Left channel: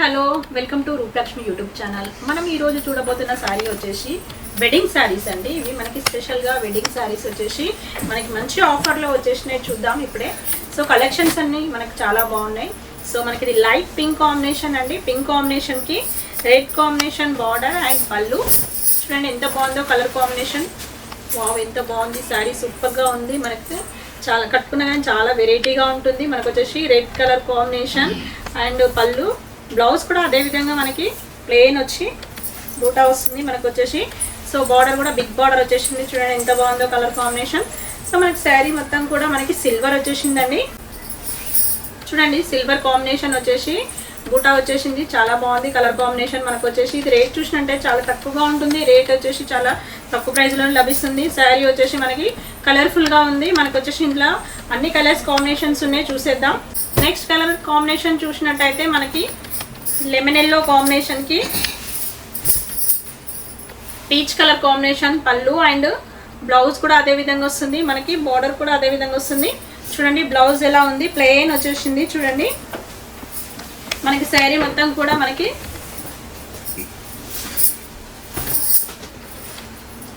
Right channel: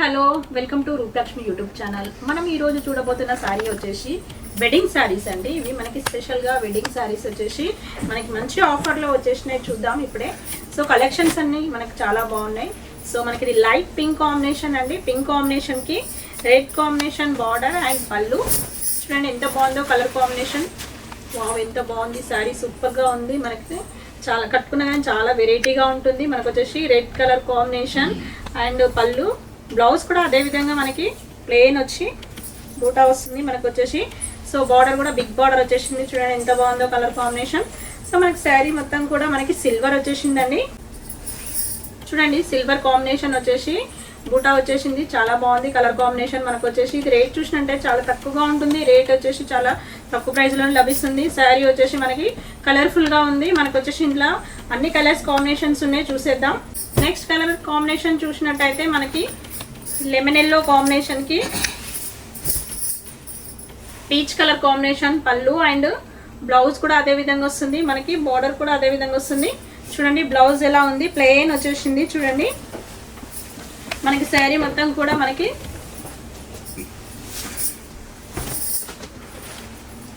Hello welcome to Rupalakshmi YouTube channel. మనం ఈరోజు చూడబోతున్న శారీ వచ్చేసి వెడ్డింగ్ శారీస్ అండి. ఇవి మనకి స్పెషల్గా వెడ్డింగ్ శారీస్ వచ్చేసి మనకి మంచి ఆఫర్లో వచ్చేసినాయి. చూద్దాం ఇప్పుడే. సో కలెక్షన్స్ అన్నీ మనకి చాలా బాగున్నాయి. సో మనకి ఇది లైట్ పింక్ కాంబినేషన్ అండి. పింక్ కాంబినేషన్కి రెడ్ కాంబినేషన్ బార్డర్ అండ్ పళ్ళు. చూడండి ఎంత బాగుందో కలర్ కాంబినేషన్. వావ్ ఎంత బాగుంది శారీ, సూపర్గా ఉంది. మనకి చాలా కట్టుకున్నా కానీ చాలా వెరైటీగా ఉంటుంది. మనకు వచ్చేసి రెడ్ కలర్ కాంబినేషన్ అండ్ పళ్ళు. బ్లౌజ్ కూడా అదే విధంగా మనకి ప్లెయిన్ వచ్చి బూటా వస్తుంది మనకు వచ్చేసి. సో బార్డర్ కూడా బిగ్ బార్డర్ వచ్చేసింది. చూడండి ఎంత బాగుందో కలర్ కాంబినేషన్. సో మనకి శారీ మొత్తం కూడా మనకి సిల్వర్ వచ్చేసిందండి. చూడండి సిల్వర్ కాంబినేషన్ వచ్చేసి బూటా వచ్చేసింది. చాలా బాగుంది కలర్ కాంబినేషన్. మనకు వచ్చేసి ఇది రేట్ చూసినట్టే చాలా తక్కువగా ఉంటుంది. రేట్ వచ్చేసి చాలా తక్కువ ప్రైస్లో లభిస్తుంది. శారీ వచ్చేసి మనకి కలర్ఫుల్గా ఉంది. మనకు వచ్చేసి ఇంట్లో అన్ని కలర్స్ కాంబినేషన్స్ ఉన్నాయి, చూసేద్దాం. నెక్స్ట్ కలర్ కాంబినేషన్ చూసినట్టయితే మనకి లెమన్ ఎల్లో కాంబినేషన్కి పీచ్ కలర్ కాంబినేషన్ పళ్ళు అండ్ బ్లౌజ్ కూడా అదే విధంగా వస్తుంది. మనకి బార్డర్ కూడా అదే విధంగా వస్తుంది. చూడండి బ్లౌజ్ ఎలా ఉంది, ప్లెయిన్ వచ్చేసింది. చూడండి మనకి శారీ మొత్తం కూడా మనకి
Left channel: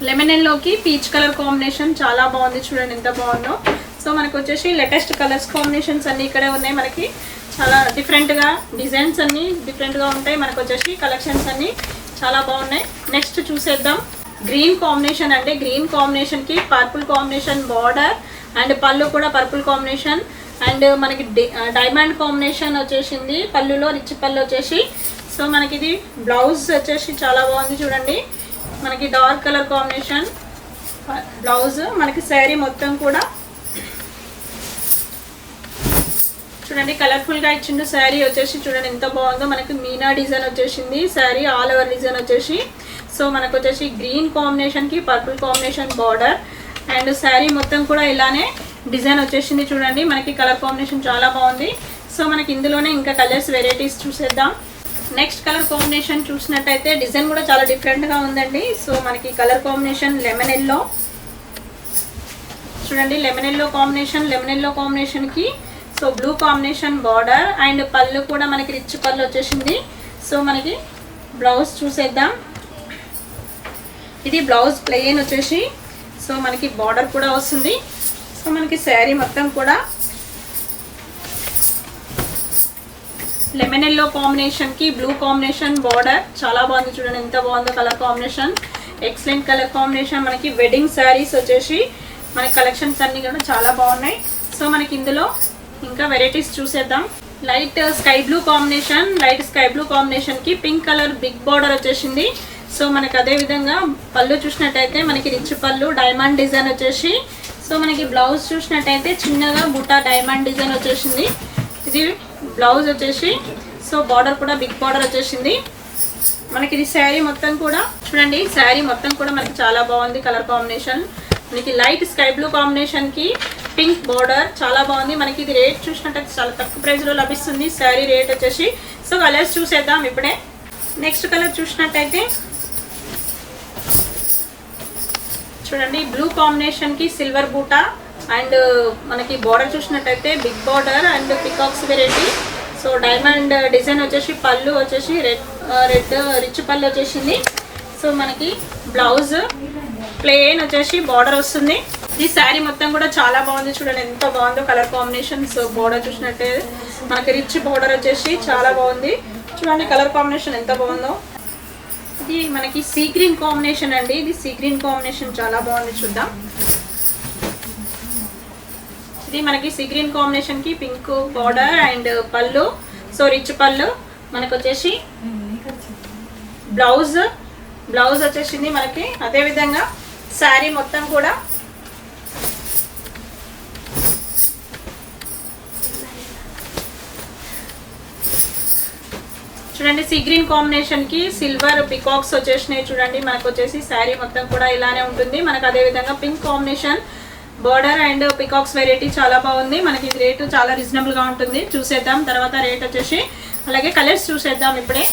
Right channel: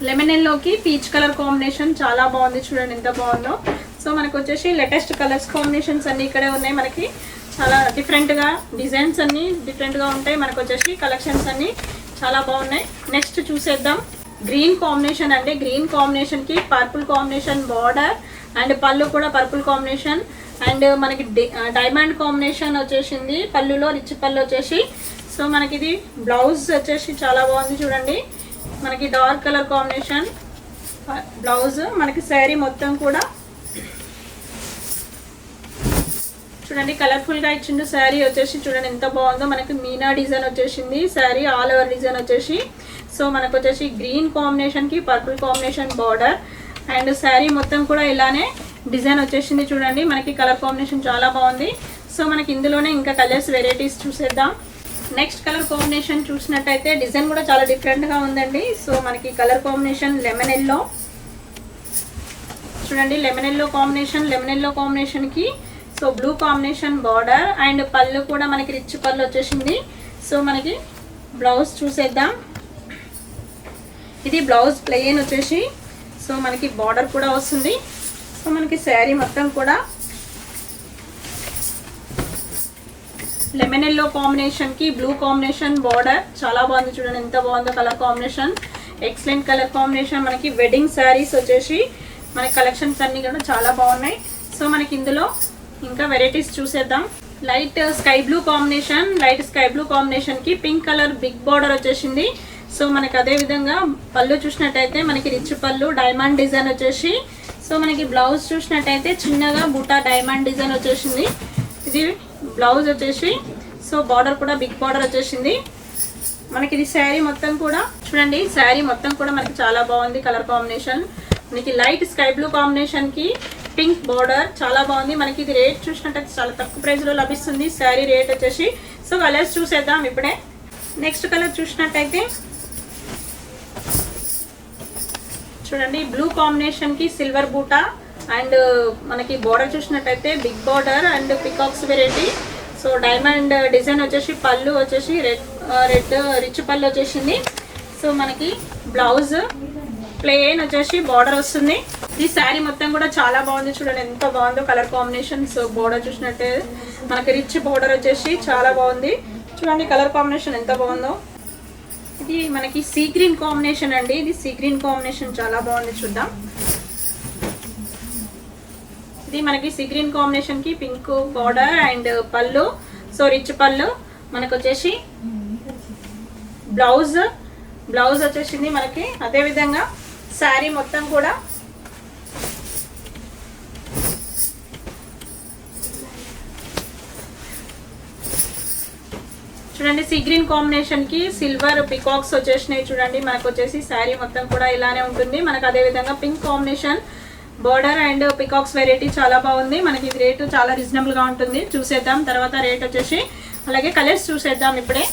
లెమన్ ఎల్లోకి పీచ్ కలర్ కాంబినేషన్ చాలా బాగుంది. చూడండి ఎంత బాగుందో. సో మనకు వచ్చేసి లేటెస్ట్ కలర్స్ కాంబినేషన్స్ అన్నీ ఇక్కడ ఉన్నాయి. మనకి చాలా డిఫరెంట్గా డిజైన్స్ అన్నీ డిఫరెంట్గా ఉంటాయి. మనకు వచ్చేసి కలెక్షన్స్ అన్నీ చాలా బాగున్నాయి. నెక్స్ట్ చూసేద్దాం. గ్రీన్ కాంబినేషన్ అండి. గ్రీన్ కాంబినేషన్కి పర్పుల్ కాంబినేషన్ బార్డర్ అండ్ పళ్ళు కూడా పర్పుల్ కాంబినేషన్ అండ్ మనకి డైమండ్ కాంబినేషన్ వచ్చేసింది. పళ్ళులో రిచ్ పళ్ళు వచ్చేసి. సో మనకి ఇది బ్లౌజ్ వచ్చేసి చాలా బాగుంది. చూడండి మనకి డార్క్ కలర్ కాంబినేషన్ బ్లౌజ్. మనకి శారీ మొత్తం కూడా చూడండి కలర్ఫుల్గా ఇచ్చిండు. శారీ వచ్చేసి చూడండి ఎంత బాగుందో. మనకి మీనా డిజైన్ వచ్చేసింది. శారీ ఆల్ ఓవర్ డిజైన్ వచ్చేసి. సో మనకు వచ్చేసి గ్రీన్ కాంబినేషన్కి purple combination border and sari మొత్తం కూడా ఇలానే డిజైన్ వచ్చేసింది. చూడండి మనకి కలర్ కాంబినేషన్ చాలా బాగుంది. సో మనకి ఇందులోనే ఇంకా కలర్స్ వెరైటీస్ చూసేద్దాం. నెక్స్ట్ కలర్ కాంబినేషన్ చూసినట్టయితే డిజైన్ కూడా చాలా డిఫరెంట్గా ఉందండి. సో మనకి కలర్ కాంబినేషన్ లెమన్ ఎల్లో. చూడండి lemon yellow combination. Lemon yellow కాంబినేషన్కి so blue combination border and పళ్ళు కూడా మనకి రిచ్ పళ్ళు వచ్చేసింది. సో మనకి బ్లౌజ్ చూసేద్దాం. ఇది బ్లౌజ్ ప్లెయిన్ వచ్చేసి. సో మనకి బార్డర్ కూడా వస్తుంది. సో మనకి శారీ మొత్తం కూడా లెమన్ ఎల్లో కాంబినేషన్కి బ్లూ కాంబినేషన్ బార్డర్ చాలా బాగుంది. చూడండి ఎంత బాగుందో colour combination. Excellent colour combination. మనకి వెడ్డింగ్ శారీస్ వచ్చేసి మనకి కలెక్షన్స్ అన్నీ కూడా చాలా బాగున్నాయి. సో మనకి ఇందులో ఇంకా వెరైటీస్ చూసేద్దాం. Light sky blue combination. Light sky blue కాంబినేషన్కి పింక్ కలర్ బిగ్ బార్డర్ వచ్చేసింది. సో మనకి అదే విధంగా పళ్ళు చూసినట్టయితే మనకి రిచ్ పళ్ళు డైమండ్ డిజైన్ వచ్చేసి. సో మనకి బ్లౌజ్ చూసినట్టయితే చిన్నగా బుట్ట డైమండ్ డిజైన్ వచ్చేసింది. ఇది బ్లౌజ్ వచ్చేసి. సో బార్డర్ కూడా బిగ్ బార్డర్ వచ్చేసింది. మనకి ఇది శారీ మొత్తం కూడా చూడండి. శారీ మొత్తం కూడా మనకి చాలా బాగుంది కలర్ కాంబినేషన్. మనకి లైట్ స్కై బ్లూ కాంబినేషన్కి పింక్ బార్డర్ చాలా బాగుంది. మనకి ఇది రేట్ చూసినట్టయితే చాలా తక్కువ ప్రైస్లో లభిస్తుంది. శారీ రేట్ వచ్చేసి. సో కలర్స్ చూసేద్దాం ఇప్పుడే. నెక్స్ట్ కలర్ చూసినట్టయితే చూడండి బ్లూ కాంబినేషన్కి సిల్వర్ బూటా అండ్ మనకి బార్డర్ చూసినట్టయితే big border and peacocks variety. So diamond design వచ్చేసి. పళ్ళు వచ్చేసి రెడ్ రిచ్ పళ్ళు వచ్చేసింది. సో మనకి బ్లౌజ్ ప్లెయిన్ వచ్చేసి బార్డర్ వస్తుంది. ఈ శారీ మొత్తం కూడా చాలా బాగుంది. చూడండి ఎంత బాగుందో కలర్ కాంబినేషన్. సో బార్డర్ చూసినట్టే మనకి రిచ్ బార్డర్ వచ్చేసి చాలా బాగుంది. చూడండి కలర్ కాంబినేషన్ ఎంత బాగుందో. ఇది మనకి సీ గ్రీన్ కాంబినేషన్ అండి. ఇది సీ గ్రీన్ కాంబినేషన్ చాలా బాగుంది. చూద్దాం. ఇది మనకి సీ గ్రీన్ కాంబినేషన్కి పింక్ బార్డర్ అండ్ పళ్ళు. సో రిచ్ పళ్ళు. మనకు వచ్చేసి బ్లౌజ్ వచ్చేసింది మనకి. అదేవిధంగా శారీ మొత్తం కూడా చూడండి సీ గ్రీన్ కాంబినేషన్కి సిల్వర్ పికాక్స్ వచ్చేసినాయి. చూడండి మనకు వచ్చేసి శారీ మొత్తం కూడా ఇలానే ఉంటుంది. మనకు అదేవిధంగా pink combination border and peacocks variety చాలా బాగుంది. మనకి రేటు చాలా రీజనబుల్గా ఉంటుంది. చూసేద్దాం తర్వాత రేట్ వచ్చేసి. అలాగే కలర్స్ చూసేద్దాం ఇప్పుడే.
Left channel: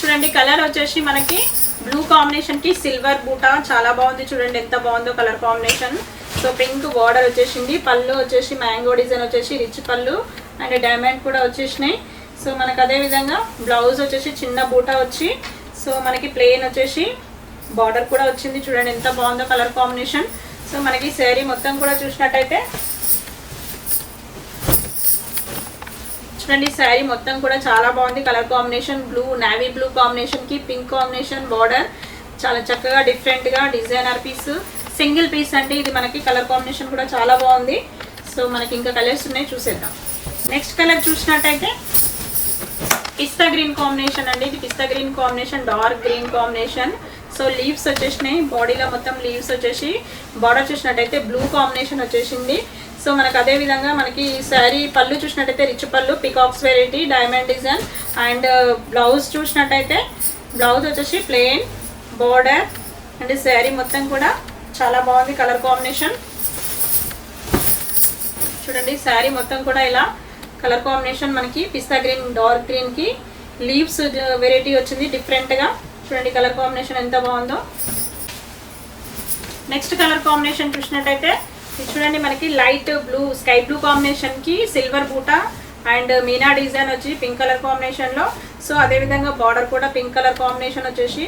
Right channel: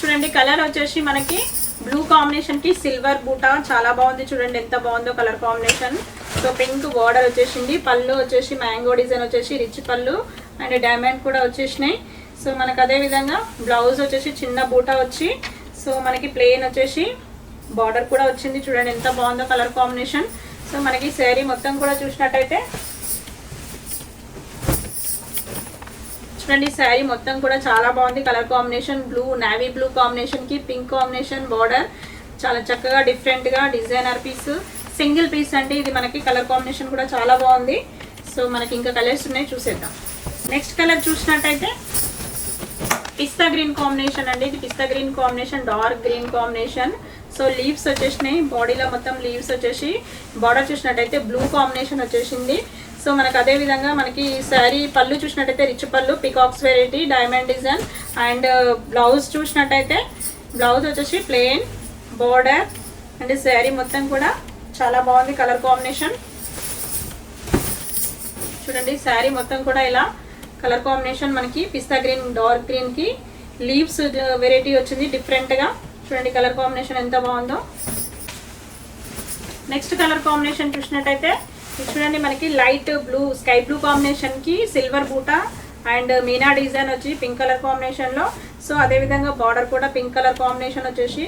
చూడండి కలర్ వచ్చేసి మనకి బ్లూ కాంబినేషన్కి సిల్వర్ బూటా చాలా బాగుంది. చూడండి ఎంత బాగుందో colour combination. So pink border వచ్చేసింది, పళ్ళు వచ్చేసి మ్యాంగో డిజైన్ వచ్చేసి రిచ్ పళ్ళు అండ్ డైమండ్ కూడా వచ్చేసినాయి. సో మనకు అదే విధంగా బ్లౌజ్ వచ్చేసి చిన్న బూటా వచ్చి, సో మనకి ప్లెయిన్ వచ్చేసి బార్డర్ కూడా వచ్చింది. చూడండి ఎంత బాగుందో కలర్ కాంబినేషన్. సో మనకి శారీ మొత్తం కూడా చూసినట్టయితే చూడండి, శారీ మొత్తం కూడా చాలా బాగుంది colour combination. Blue navy blue combination కి పింక్ కాంబినేషన్ బార్డర్, చాలా చక్కగా డిఫరెంట్ గా డిజైనర్ పీస్, సింగిల్ పీస్ అండి ఇది. మనకి కలర్ కాంబినేషన్ కూడా చాలా బాగుంది. సో మనకి ఇంకా కలర్స్ ఉన్నాయి, చూసేద్దాం. నెక్స్ట్ కలర్ చూసినట్టయితే పిస్తా గ్రీన్ కాంబినేషన్ అండి. ఇది పిస్తా green combination, dark green combination. So leaves వచ్చేసినాయి, బాడీలో మొత్తం లీవ్స్ వచ్చేసి, బార్డర్ చూసినట్టయితే బ్లూ కాంబినేషన్ వచ్చేసింది. సో మనకి అదే విధంగా మనకి శారీ పళ్ళు చూసినట్టయితే రిచ్ పళ్ళు, peacocks variety, diamond design and blouse చూసినట్టయితే బ్లౌజ్ వచ్చేసి ప్లెయిన్ బోర్డర్ అండ్ శారీ మొత్తం కూడా చాలా బాగుంది కలర్ కాంబినేషన్. చూడండి శారీ మొత్తం కూడా ఇలా కలర్ కాంబినేషన్ మనకి పిస్తా గ్రీన్ డార్క్ గ్రీన్ కి లీవ్స్ వెరైటీ వచ్చింది డిఫరెంట్ గా. చూడండి కలర్ కాంబినేషన్ ఎంత బాగుందో. నెక్స్ట్ కలర్ కాంబినేషన్ చూసినట్టయితే చూడండి మనకి light blue sky blue combination కి సిల్వర్ బూటా అండ్ మీనా డిజైన్ వచ్చి పింక్ కలర్ కాంబినేషన్ లో. సో అదే విధంగా బార్డర్ కూడా పింక్ కలర్ కాంబినేషన్ వచ్చేసి,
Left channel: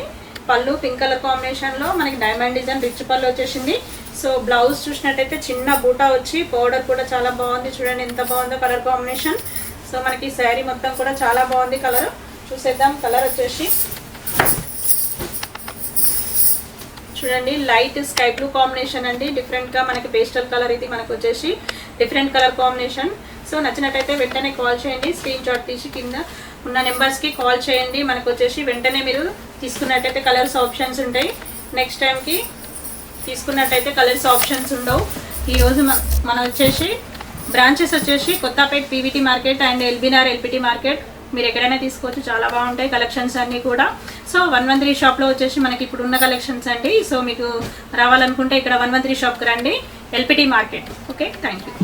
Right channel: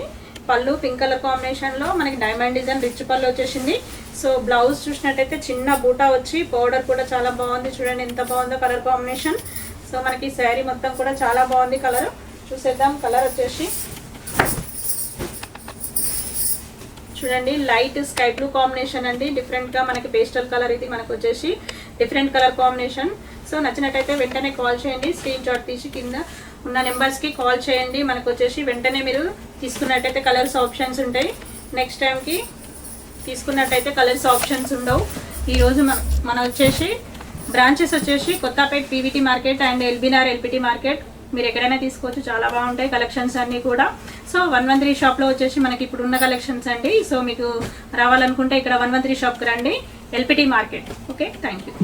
పళ్ళు పింక్ కలర్ కాంబినేషన్ లో మనకి డైమండ్ డిజైన్ రిచ్ పళ్ళు వచ్చేసింది. సో బ్లౌజ్ చూసినట్టయితే చిన్న బూటా వచ్చి, బార్డర్ కూడా చాలా బాగుంది. చూడండి ఎంత బాగుందో కలర్ కాంబినేషన్. సో మనకి శారీ మొత్తం కూడా చాలా బాగుంది కలర్. చూసేద్దాం. కలర్ వచ్చేసి చూడండి లైట్ స్కై బ్లూ కాంబినేషన్ అండి, డిఫరెంట్ గా మనకి పేస్టల్ కలర్ ఇది మనకు వచ్చేసి డిఫరెంట్ కలర్ కాంబినేషన్. సో నచ్చినట్టయితే వెంటనే కాల్ చేయండి, స్క్రీన్ షాట్ తీసి కింద ఉన్న నెంబర్స్ కి కాల్ చేయండి. మనకు వచ్చేసి వెంటనే మీరు తీసుకున్నట్టయితే కలర్స్ ఆప్షన్స్ ఉంటాయి, నెక్స్ట్ టైంకి తీసుకున్నట్టయితే కలర్స్ ఆప్షన్స్ ఉండవు. ఈరోజు మనం వచ్చేసి బ్రాంచెస్ వచ్చేసి Kothapet PVT market and LB Nagar LPT market. మీరు ఎక్కడైనా తీసుకోవచ్చు, చాలా బాగుంటాయి కలెక్షన్స్ అన్నీ కూడా. సో 113 షాప్లో వచ్చేసి మనకి ఇప్పుడు ఉన్న కలెక్షన్స్ అండి. సో మీకు రావాలనుకుంటే ఇక్కడ 113 షాప్కి రండి, LPT market. Okay, thank you.